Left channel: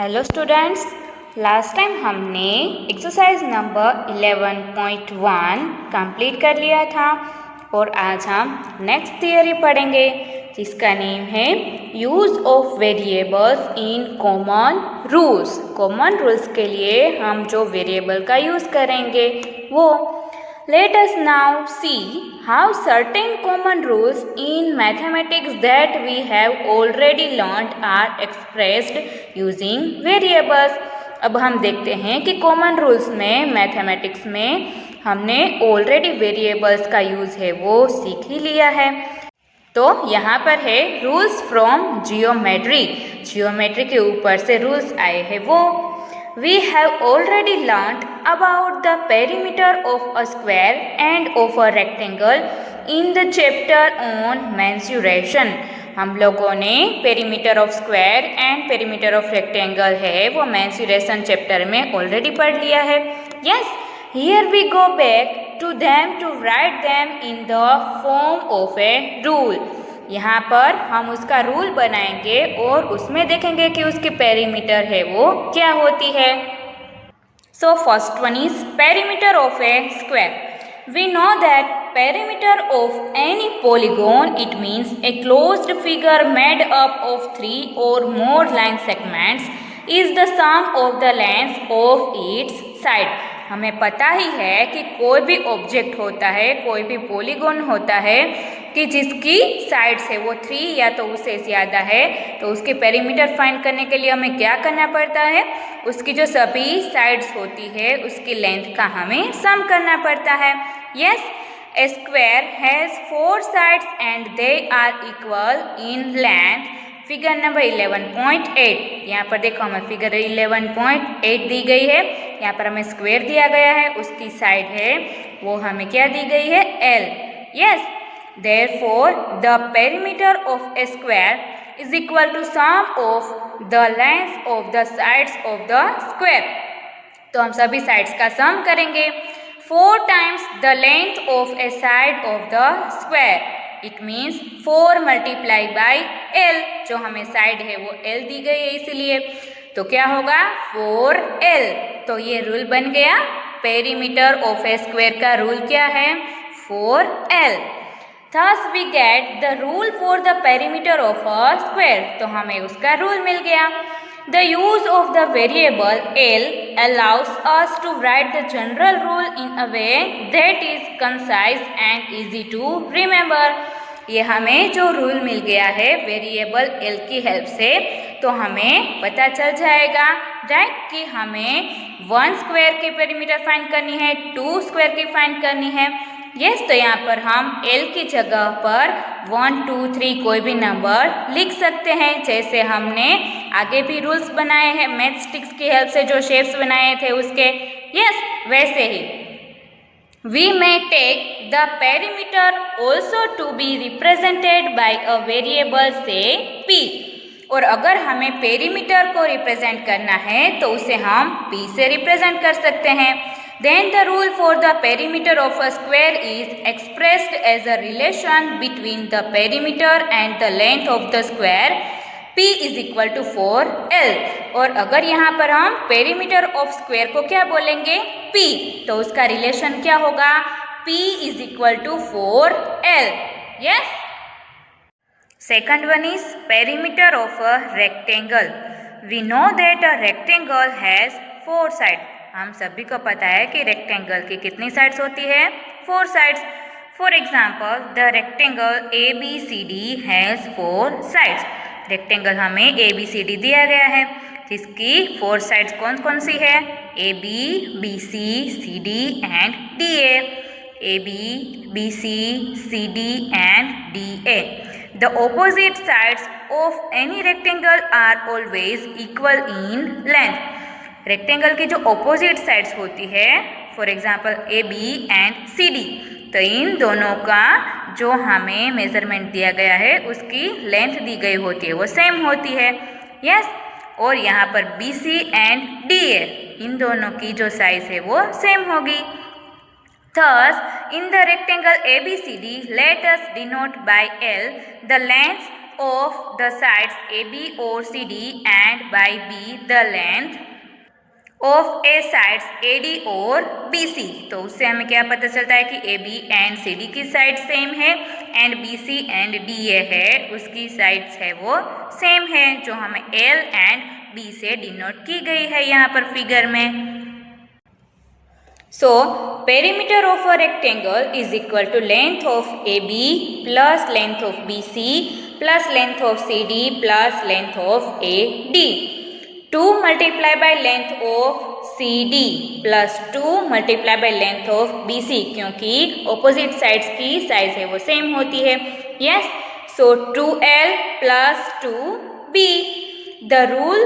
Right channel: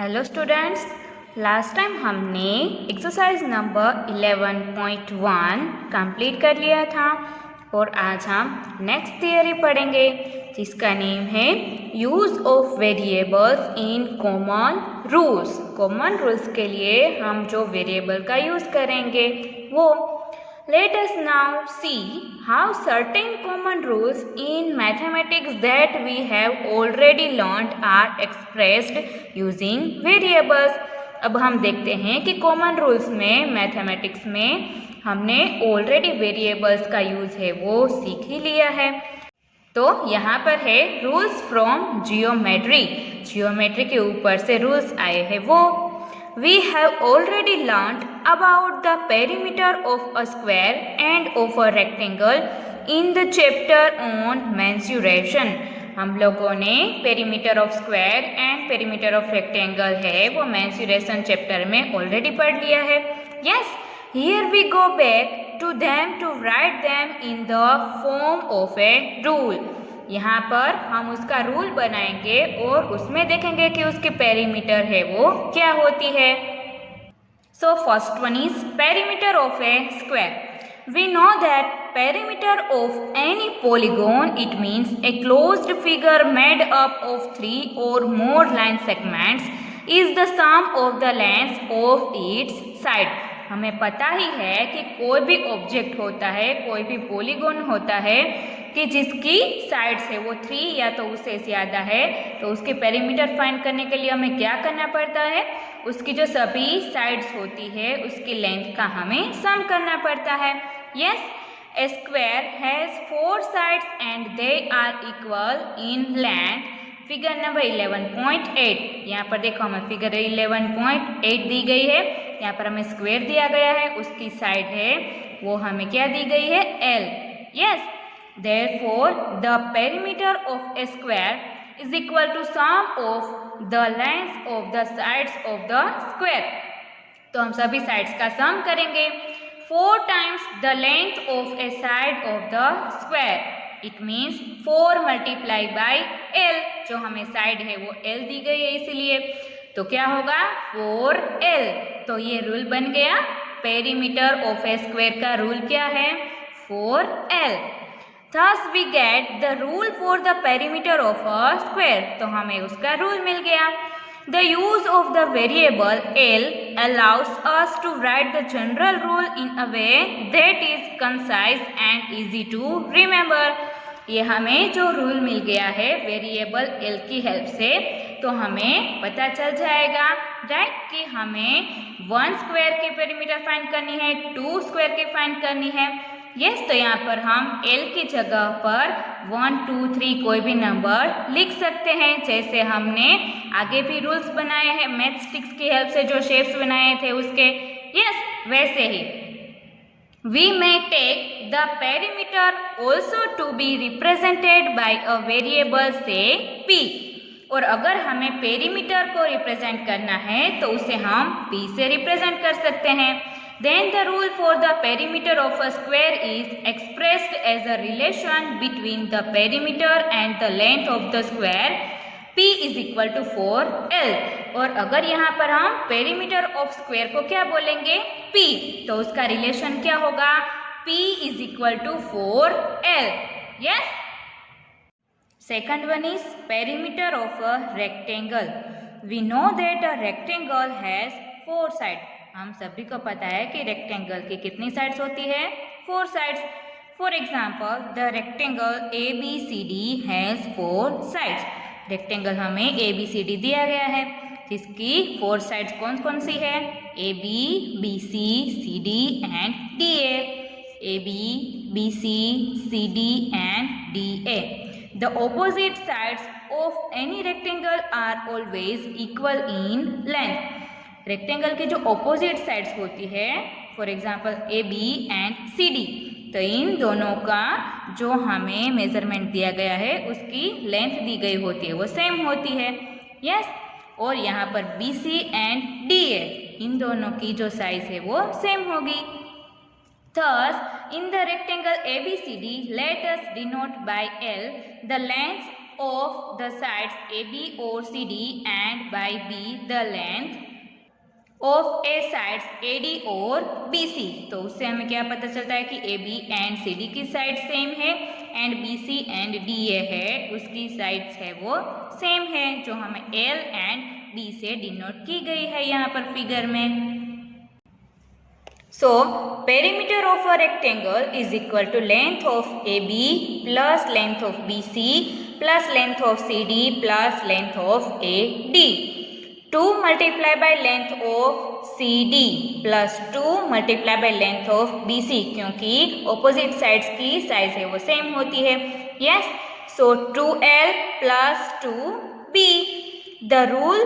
Hello students, last time हमने exercise number 11.1 complete कर लिया था और आज हम नेक्स्ट थियरी पढ़ेंगे जिसका नेम है use of variables in common rules. Common rules के लिए हम जो वेरिएबल का यूज़ करेंगे वो Let us now see how certain common rules in mathematics that we have already learned are expressed using variables। अब हम देखते हैं कि कॉमन रूल्स में मैथमेटिक्स में हमने ऑलरेडी वेरिएबल्स का यूज़ है वो सीख ही लिया है। तो यहाँ पर है रूल्स फ्रॉम जियोमेट्री। जियोमेट्री के ऊपर से रूल्स आए हैं वो We have already learned about the perimeter of a square and of a rectangle in the chapter on mensuration। हम लोगों ने perimeter of square and perimeter of rectangle है वो मेंसुरेशन चैप्टर में ऑलरेडी पढ़ लिया है। Yes, here we go back to them to write them in the form of a rule. यहाँ पर हम उसका रूल बनाएंगे और उसमें देखेंगे कि उसकी पेरीमीटर है वो क्या होती है। So first one is perimeter of a square. We know that perimeter of any polygon it means a closed figure made up of 3 or more line segments is the sum of the length of its side. हमें पता ही है कि कोई भी object होता है, कोई भी पॉलीगॉन होता है कि जिसकी साइड्स है वो 3 या तो उससे ज़्यादा है, तो उसके पेरीमीटर फाइंड करने के लिए हमें क्या करना पड़ता है, उसकी जो सभी साइड्स होती है उसकी लेंथ का हमें सम करना पड़ता है। Yes, a square has 4 sides and they are equal in length. Figure number 11.8। यहाँ पर देखो हमें फिगर 11.8 दी गई है। यहाँ पर हमें स्क्वायर दिया गया है, उसकी साइड है वो हमें क्या दी गई है, L। Yes, therefore the perimeter of a square is equal to sum of the lengths of the sides of the square। तो हम सभी साइड्स का सम करेंगे। 4 times the length of a side of the square it means 4 multiply by L। जो हमें side है वो L दी गई है इसीलिए, तो क्या होगा 4L। तो ये रूल बन गया पेरीमीटर ऑफ ए स्क्वायर का रूल क्या है, 4L। Thus we get the rule for the perimeter of a square। तो हमें उसका रूल मिल गया। The use of the variable L allows us to write the general rule in a way that is concise and easy to remember। ये हमें जो rule मिल गया है variable L की हेल्प से, तो हमें पता चल जाएगा राइट कि हमें 1 स्क्वायर की पेरीमीटर फाइंड करनी है, 2 स्क्वायर की फाइंड करनी है। यस, तो यहाँ पर हम L की जगह पर 1, 2, 3 कोई भी नंबर लिख सकते हैं, जैसे हमने आगे भी रूल्स बनाए हैं मैथ स्टिक्स की हेल्प से जो शेप्स बनाए थे उसके। यस, वैसे ही we may take the perimeter also to be represented by a variable say P। और अगर हमें पेरीमीटर को रिप्रेजेंट करना है तो उसे हम P से रिप्रेजेंट कर सकते हैं। Then the rule for the perimeter of a square is expressed as a relation between the perimeter and the length of the square P is equal to 4L। और अगर यहाँ पर हम पेरीमीटर ऑफ स्क्वायर को क्या बोलेंगे, P, तो उसका रिलेशन क्या होगा, P is equal to 4L। Yes, second one is perimeter of a rectangle. We know that a rectangle has 4 side. हम सभी को पता है कि रेक्टेंगल की कितनी साइड्स होती है, 4 sides. For example the rectangle ABCD has 4 sides. Rectangle हमें ABCD दिया गया है जिसकी 4 साइड्स कौन कौन सी है, AB, BC, CD and DA। AB, BC, CD and DA। The opposite sides of any rectangle are always equal in length। Rectangle की जो ऑपोजिट साइड्स होती है, for example AB and CD, तो इन दोनों का जो हमें मेजरमेंट दिया गया है उसकी लेंथ दी गई होती है वो सेम होती है। यस, और यहाँ पर BC एंड DA इन दोनों की जो साइज है वो सेम होगी। Thus in the rectangle ABCD let us denote by L the length of the sides AB or CD and by B the length of A sides AD और BC। तो उससे हमें क्या पता चलता है कि AB एंड CD की साइड सेम है एंड BC एंड DA है उसकी साइड्स है वो सेम है, जो हमें L एंड B से डिनोट की गई है यहाँ पर फिगर में। So perimeter of a rectangle is equal to length of AB plus length of BC plus length of CD plus length of AD। 2 multiplied by length of CD plus 2 multiplied by length of BC, क्योंकि opposite sides की size है वो same होती है। Yes, so 2L plus 2B. The rule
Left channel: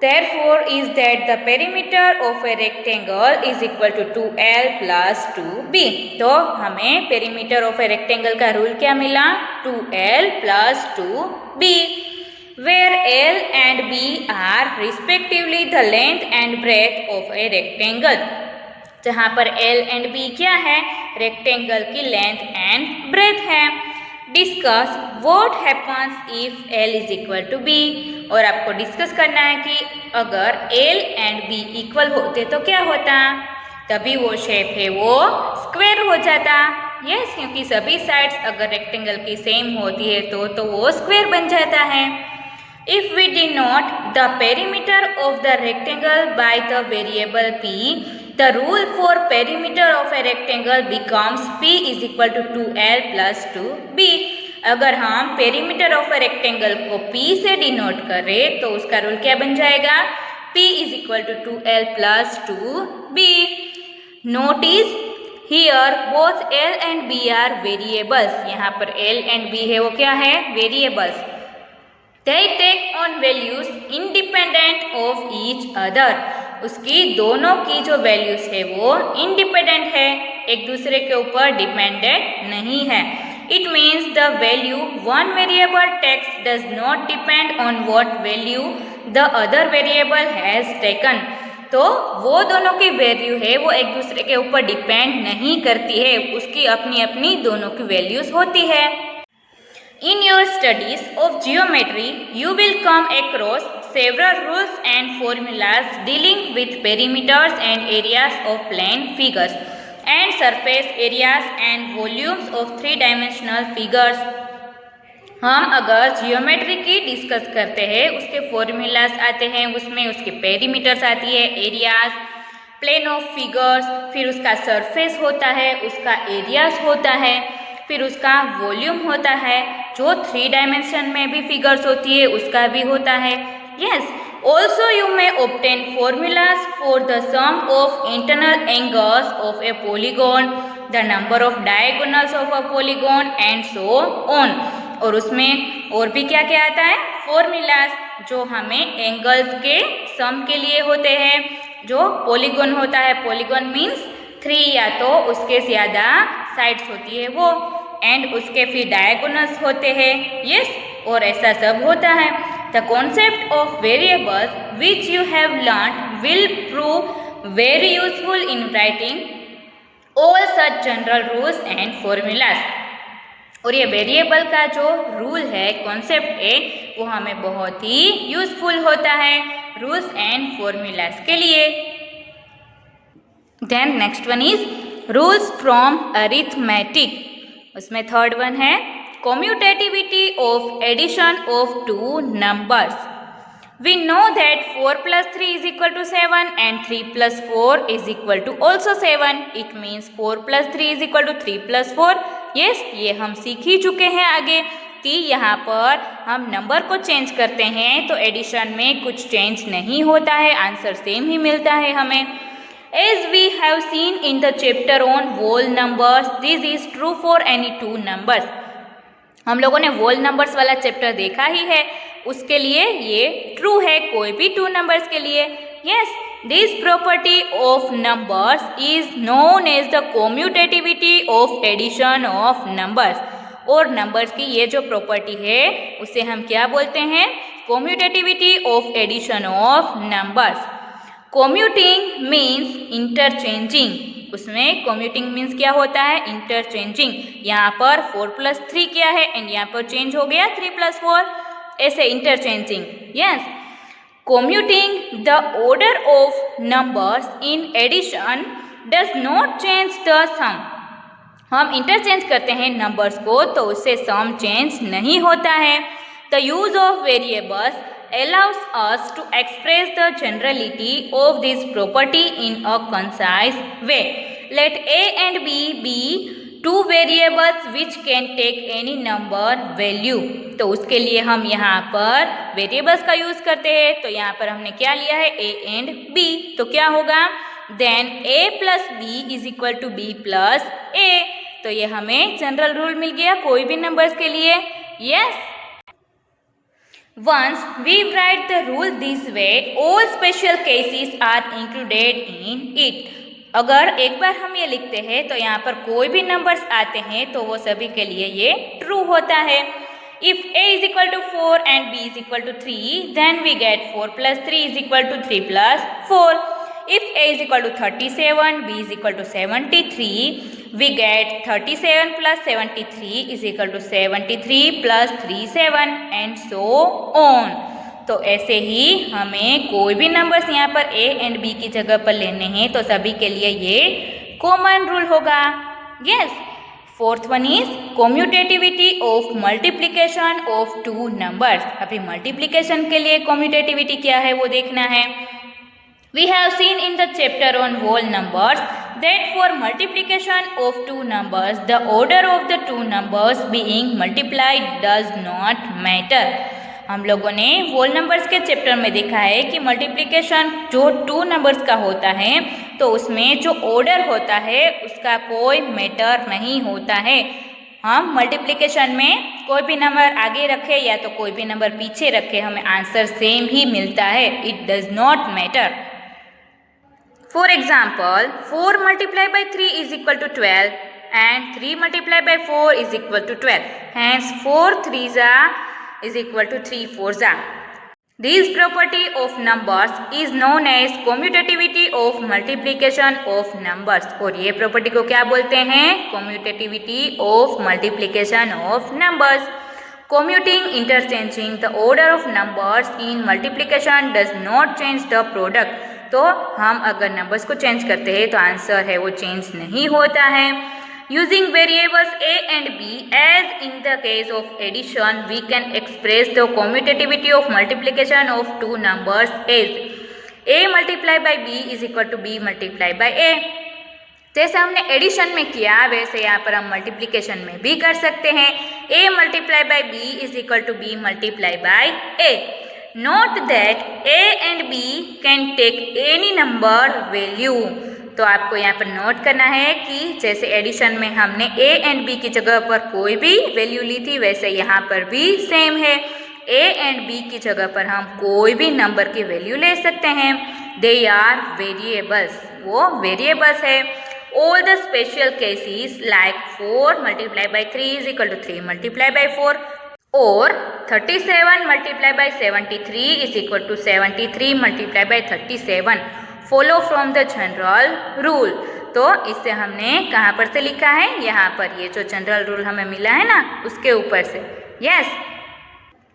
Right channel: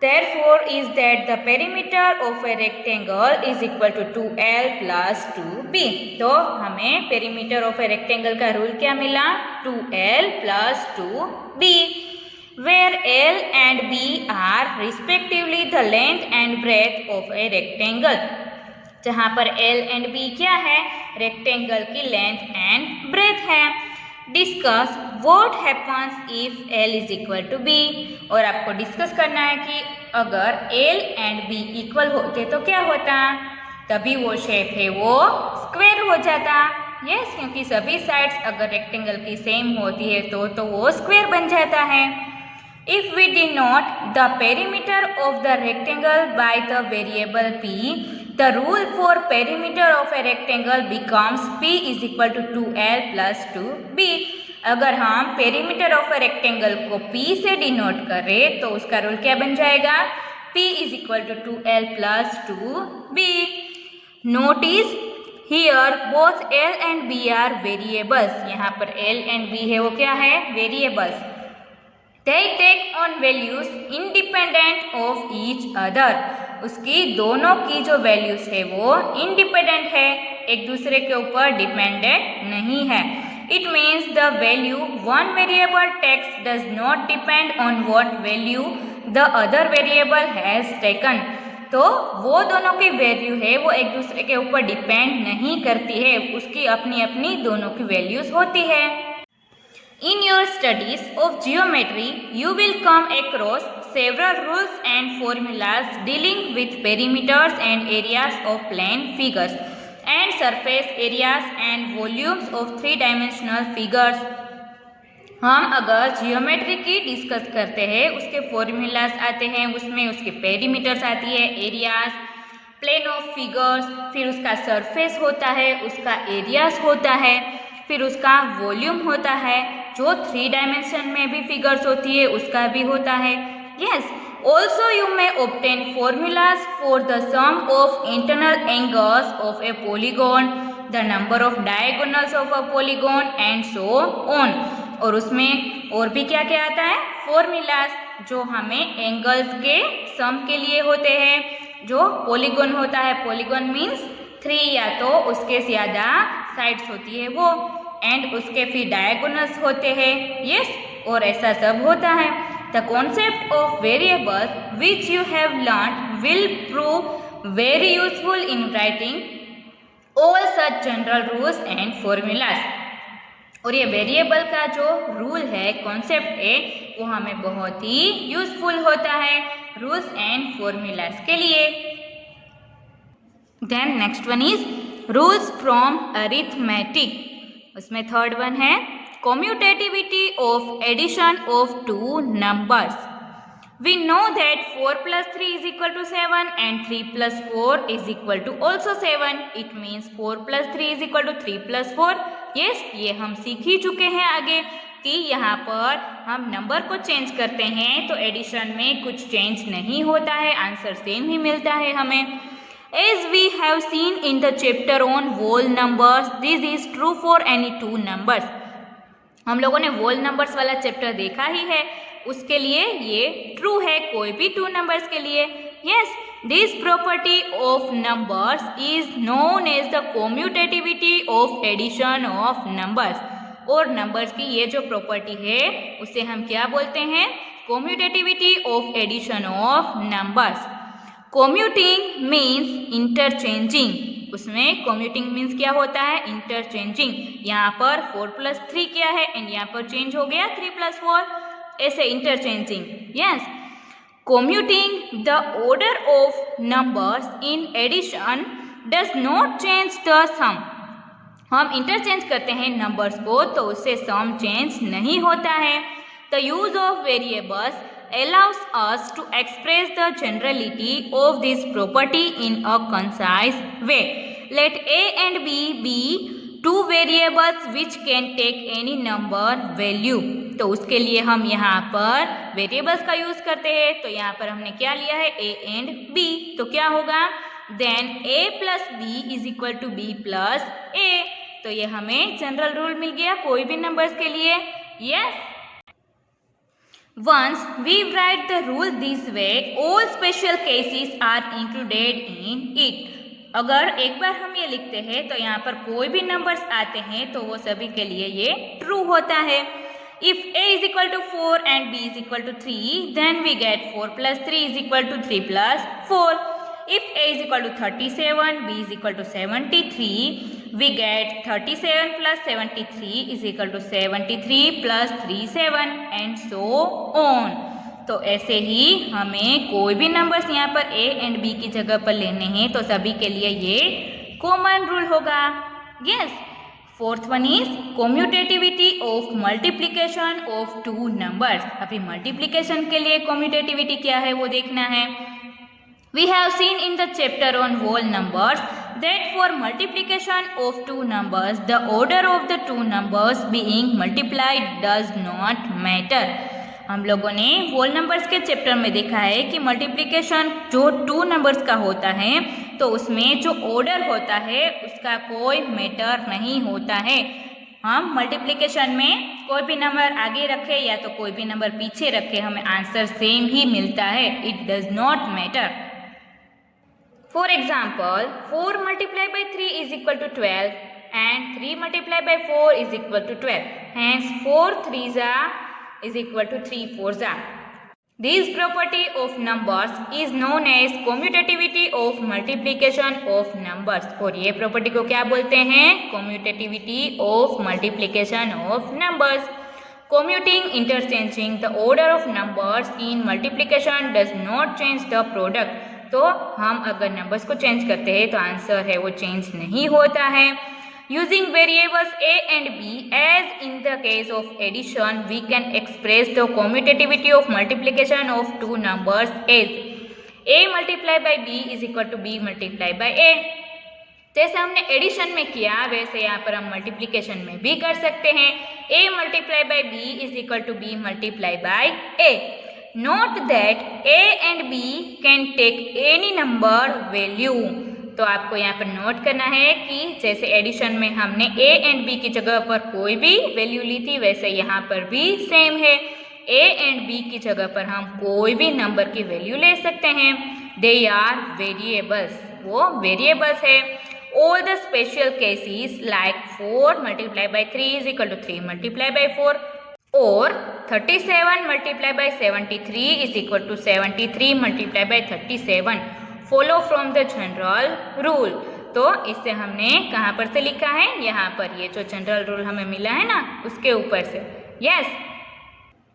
therefore is that the perimeter of a rectangle is equal to 2L plus 2B. तो हमें perimeter of a rectangle का rule क्या मिला? 2L plus 2B. where L and B are respectively the length and breadth of a rectangle, जहाँ पर L and B क्या है? Rectangle की लेंथ एंड ब्रेथ है। Discuss what happens if L is equal to B, और आपको discuss करना है कि अगर L एंड B इक्वल होते तो क्या होता, तभी वो शेप है वो स्क्वायर हो जाता। यस, क्योंकि सभी साइड्स अगर रेक्टेंगल की सेम होती है तो वो स्क्वायर बन जाता है। If we denote the perimeter of the rectangle by the variable p, the rule for perimeter of a rectangle becomes p is equal to 2l plus 2b. अगर हम perimeter of a rectangle को p से denote करें तो उसका rule क्या बन जाएगा? p is equal to 2l plus 2b. Notice here both l and b are variables. यहाँ पर l and b है वो क्या है? Variables. They take on values independent of each other. उसकी दोनों की जो वैल्यूज है वो इंडिपेंडेंट है, एक दूसरे के ऊपर डिपेंडेंट नहीं है। It means the value one variable takes does not depend on what value the other variable has taken. तो वो दोनों की वैल्यू है वो एक दूसरे के ऊपर डिपेंड नहीं करती है, उसकी अपनी अपनी दोनों की वैल्यूज होती है। In your studies of geometry, you will come across several rules and formulas dealing with perimeters and areas of plane figures and surface areas and volumes of three-dimensional figures. हम अगर जियोमेट्री की discuss करते हैं उसके formulas आते हैं, उसमें उसके पेरीमीटर्स आती है, एरियाज, प्लेन ऑफ फिगर्स, फिर उसका सरफेस होता है, उसका एरियाज होता है, फिर उसका वॉल्यूम होता है, जो 3 डायमेंशन में भी फिगर्स होती है उसका भी होता है। Yes, also you may obtain formulas for the sum of internal angles of a polygon, the number of diagonals of a polygon and so on. और उसमें और भी क्या क्या आता है? फॉर्मूलाज जो हमें एंगल्स के सम के लिए होते हैं, जो पॉलीगॉन होता है, पॉलीगॉन मीन्स 3 या तो उसके ज़्यादा साइड्स होती है वो, एंड उसके फिर डायगोनल्स होते हैं। यस, और ऐसा सब होता है। The concept of variables which you have learn will prove very useful in writing all such general rules and formulas. और ये वेरिएबल का जो रूल है, कॉन्सेप्ट है, वो हमें बहुत ही यूजफुल होता है रूल्स एंड फॉर्मूलाज के लिए। Then next one is rules from arithmetic. उसमें थर्ड वन है commutativity of addition of 2 numbers. We know that 4 + 3 is equal to 7 and 3 + 4 is equal to also 7। It means 4 + 3 is equal to 3 + 4। Yes, ये हम सीख ही चुके हैं आगे कि यहाँ पर हम नंबर को चेंज करते हैं तो एडिशन में कुछ चेंज नहीं होता है, आंसर सेम ही मिलता है हमें। As we have seen in the chapter on whole numbers, this is true for any 2 numbers. हम लोगों ने whole numbers वाला चैप्टर देखा ही है, उसके लिए ये ट्रू है कोई भी 2 नंबर्स के लिए। Yes, this property of numbers is known as the commutativity of addition of numbers. और नंबर्स की ये जो प्रॉपर्टी है उसे हम क्या बोलते हैं? commutativity of addition of numbers. Commuting means interchanging. उसमें कम्यूटिंग मीन्स क्या होता है, इंटरचेंजिंग। यहाँ पर 4 + 3 क्या है एंड यहाँ पर चेंज हो गया 3 + 4, ऐसे interchanging. Yes, commuting the order of numbers in addition does not change the sum। हम इंटरचेंज करते हैं नंबर्स को तो उससे सम चेंज नहीं होता है। The use of variables allows us to express the generality of this property in a concise way। Let a and b be two variables which can take any number value। तो उसके लिए हम यहाँ पर variables का use करते हैं। तो यहाँ पर हमने क्या लिया है, a and b। तो क्या होगा, then a + b = b + a। तो ये हमें जनरल रूल मिल गया कोई भी नंबर्स के लिए। Yes, Once we write the rule this way, all special cases are included in it। अगर एक बार हम ये लिखते हैं तो यहाँ पर कोई भी नंबर्स आते हैं तो वो सभी के लिए ये ट्रू होता है। If a = 4 and b = 3, then we get 4 + 3 = 3 + 4। If a = 37, b = 73, we get 37 + 73 = 73 + 37 and so on। तो ऐसे ही हमें कोई भी नंबर्स यहाँ पर a and b की जगह पर लेने हैं तो सभी के लिए ये कॉमन रूल होगा। Yes, fourth one is commutativity of multiplication of two numbers. अभी मल्टीप्लिकेशन के लिए कम्यूटेटिविटी क्या है वो देखना है। We have seen in the chapter on whole numbers that for multiplication of two numbers, the order of the two numbers being multiplied does not matter। हम लोगों ने होल नंबर्स के चैप्टर में देखा है कि मल्टीप्लिकेशन जो टू नंबर्स का होता है तो उसमें जो ऑर्डर होता है उसका कोई मैटर नहीं होता है। हम मल्टीप्लिकेशन में कोई भी नंबर आगे रखे या तो कोई भी नंबर पीछे रखे, हमें आंसर सेम ही मिलता है। It does not matter. For example, 4 multiplied by 3 is equal to 12 and 3 multiplied by 4 is equal to 12. Hence, 4 3s is equal to 3 4s। This property of numbers is known as commutativity of multiplication of numbers। और ये property को क्या बोलते हैं, commutativity of multiplication of numbers। Commuting, interchanging the order of numbers in multiplication does not change the product। तो हम अगर numbers को चेंज करते हैं तो आंसर है वो चेंज नहीं होता है। Using variables a and b as in the case of addition, we can express the commutativity of multiplication of two numbers as a multiplied by b is equal to b multiplied by a। जैसे हमने addition में किया वैसे यहाँ पर हम multiplication में भी कर सकते हैं। a multiplied by b is equal to b multiplied by a। Note that a and b can take any number value। तो आपको यहाँ पर नोट करना है कि जैसे एडिशन में हमने a and b की जगह पर कोई भी वैल्यू ली थी वैसे यहाँ पर भी सेम है। a and b की जगह पर हम कोई भी नंबर की वैल्यू ले सकते हैं। दे आर वेरिएबल्स, वो वेरिएबल्स है। All the special cases like 4 multiplied by 3 is equal to 3 multiplied by 4 और 37 multiplied by 73 is equal to 73 multiplied by 37 follow from the general rule। तो इससे हमने कहाँ पर से लिखा है, यहाँ पर ये जो जनरल रूल हमें मिला है ना उसके ऊपर से। Yes,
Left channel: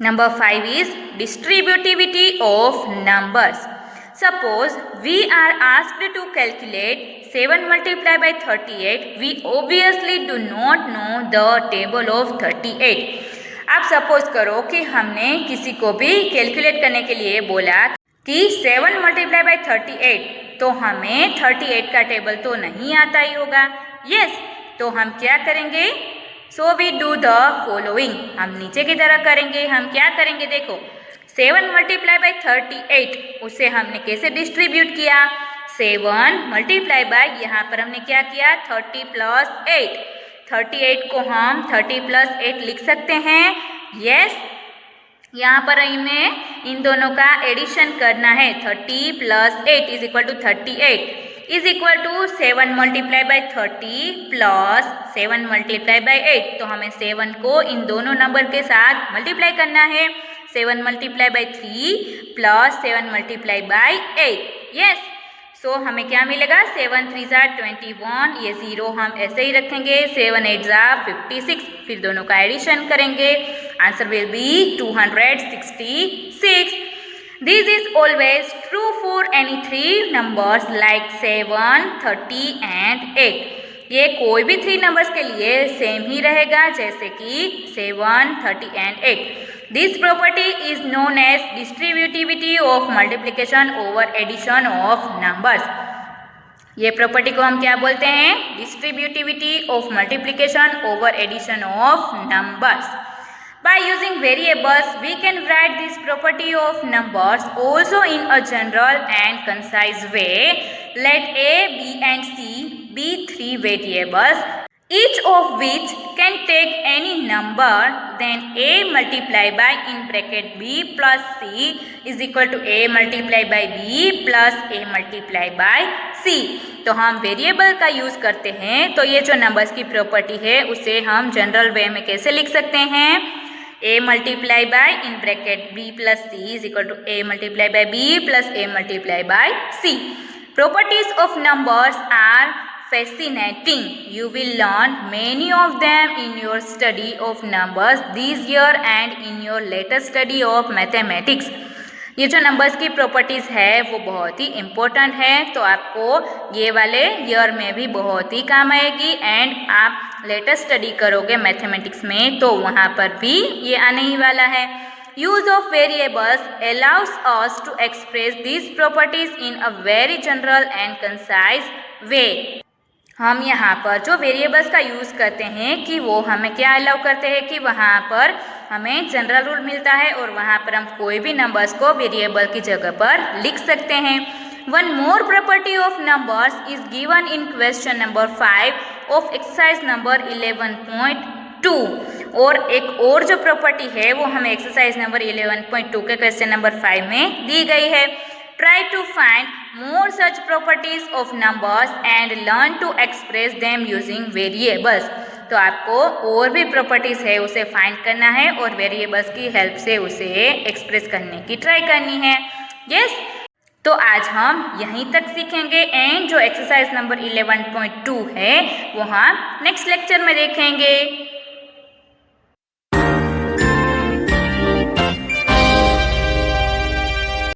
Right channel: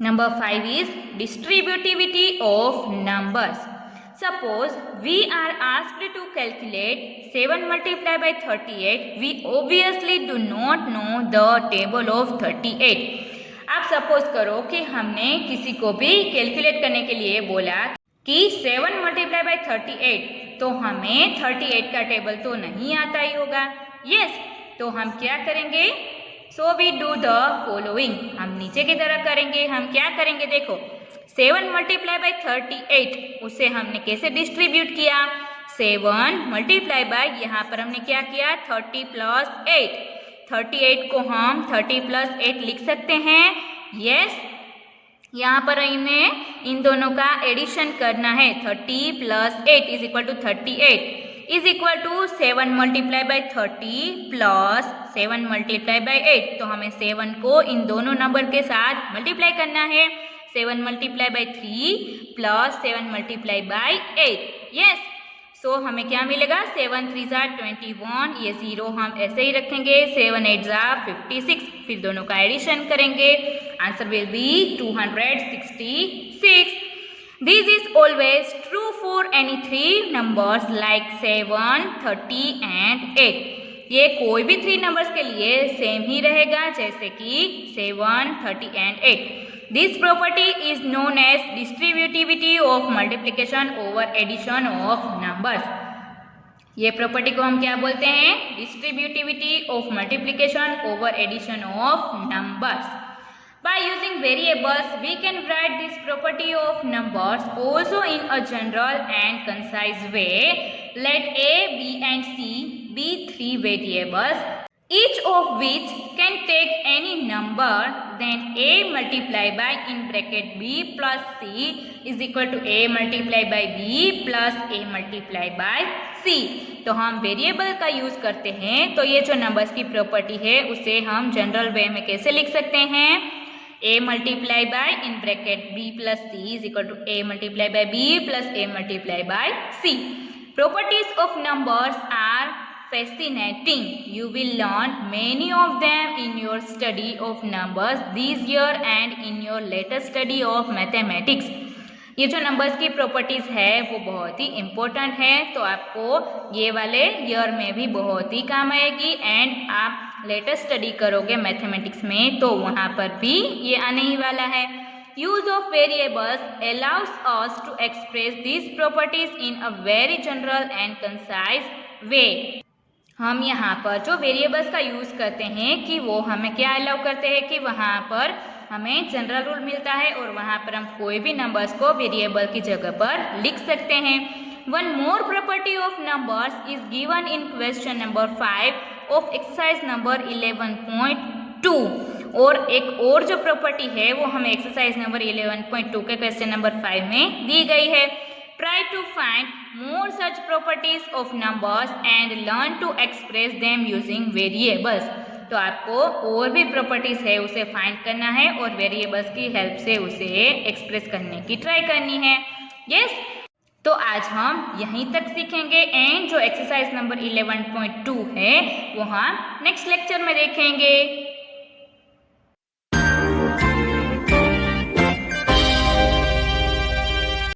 number 5 is distributivity of numbers. Suppose we are asked to calculate 7 multiplied by 38, we obviously do not know the table of 38। आप सपोज करो कि हमने किसी को भी कैलकुलेट करने के लिए बोला कि 7 multiplied by 38, तो हमें 38 का टेबल तो नहीं आता ही होगा। यस, तो हम क्या करेंगे, so we do the following. हम नीचे की तरह करेंगे। हम क्या करेंगे, देखो 7 multiplied by 38 उसे हमने कैसे डिस्ट्रीब्यूट किया, 7 multiplied by यहाँ पर हमने क्या किया 30 + 8। 38 को हम 30 + 8 लिख सकते हैं। यस, यहाँ पर हमें इन दोनों का एडिशन करना है। 30 + 8 is equal to 38 is equal to 7 multiplied by 30 + 7 multiplied by 8। तो हमें 7 को इन दोनों नंबर के साथ मल्टीप्लाई करना है। 7 multiplied by 3 + 7 multiplied by 8। Yes, सो हमें क्या मिलेगा 7 3 21, ये 0 हम ऐसे ही रखेंगे, 7 8 56, फिर दोनों का एडिशन करेंगे, answer will be 266. This is always true for any three numbers like 7, 30 and 8. ये कोई भी 3 नंबर्स के लिए सेम ही रहेगा, जैसे कि 7, 30 and 8. This property is known as distributivity of multiplication over addition of numbers. ये प्रॉपर्टी को हम क्या बोलते हैं? Distributivity of multiplication over addition of numbers. By using variables, we can write this property of numbers also in a general and concise way. Let A, B and C be 3 variables, each of which can take any number, then A multiplied by in bracket B plus C is equal to A multiplied by B plus A multiplied by C. तो हम variable का use करते हैं, तो ये जो numbers की property है उसे हम जनरल वे में कैसे लिख सकते हैं? A multiplied by in bracket B plus C is equal to A multiplied by B plus A multiplied by C. Properties of numbers are fascinating. You will learn many of them in your study of numbers this year and in your later study of mathematics. ये जो numbers की properties है वो बहुत ही important है, तो आपको ये वाले ईयर में भी बहुत ही काम आएगी एंड आप लेटेस्ट स्टडी करोगे मैथमेटिक्स में तो वहाँ पर भी ये आने ही वाला है. Use of variables allows us to express this properties in a very general and concise way. हम यहाँ पर जो वेरिएबल्स का यूज़ करते हैं कि वो हमें क्या अलाउ करते हैं कि वहाँ पर हमें जनरल रूल मिलता है और वहाँ पर हम कोई भी नंबर्स को वेरिएबल की जगह पर लिख सकते हैं. One more property of numbers is given in question number 5 of exercise number 11.2. और एक और जो प्रॉपर्टी है वो हमें एक्सरसाइज नंबर 11.2 के क्वेश्चन नंबर 5 में दी गई है. Try to find more such properties of numbers and learn to express them using variables. तो आपको और भी प्रॉपर्टीज़ है उसे फाइंड करना है और वेरिएबल्स की हेल्प से उसे एक्सप्रेस करने की ट्राई करनी है. यस, तो आज हम यहीं तक सीखेंगे एंड जो एक्सरसाइज नंबर 11.2 है वो हम नेक्स्ट लेक्चर में देखेंगे.